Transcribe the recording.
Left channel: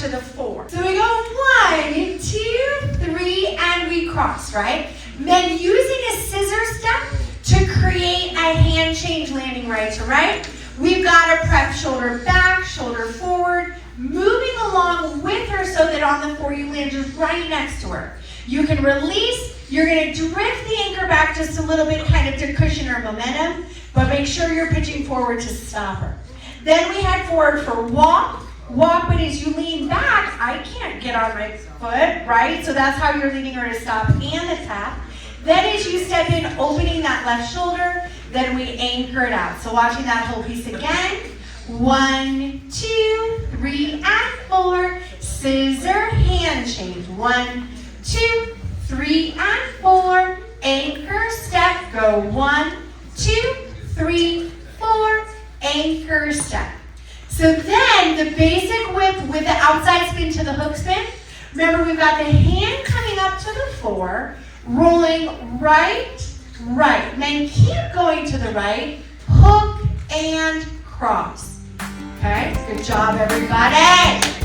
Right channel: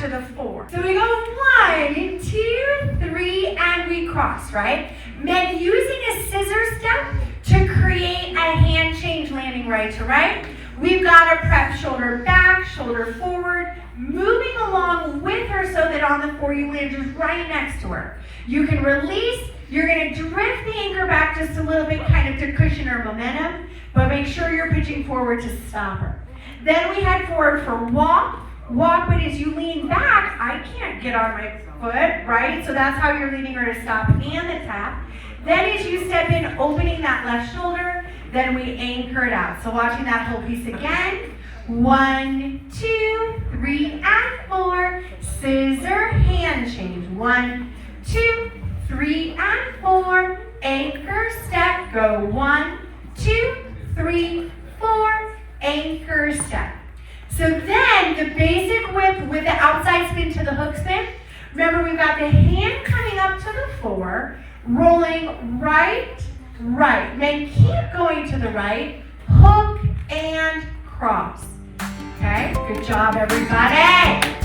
to the 4. So we go 1, 2, 3, and we cross, right? Then using a scissor step to create a hand change landing right to right. We've got to prep shoulder back, shoulder forward, moving along with her so that on the 4 you land just right next to her. You can release, you're going to drift the anchor back just a little bit kind of to cushion her momentum, but make sure you're pitching forward to stop her. Then we head forward for walk. Walk, but as you lean back, I can't get on my foot, right? So that's how you're leading her to stop and the tap. Then as you step in, opening that left shoulder, then we anchor it out. So watching that whole piece again. 1, 2, 3, and 4. Scissor hand change. 1, 2, 3, and 4. Anchor step. Go 1, 2, 3, 4. Anchor step. So then the basic whip with the outside spin to the hook spin. Remember, we've got the hand coming up to the 4, rolling right, right. Then keep going to the right, hook and cross. Okay, good job, everybody.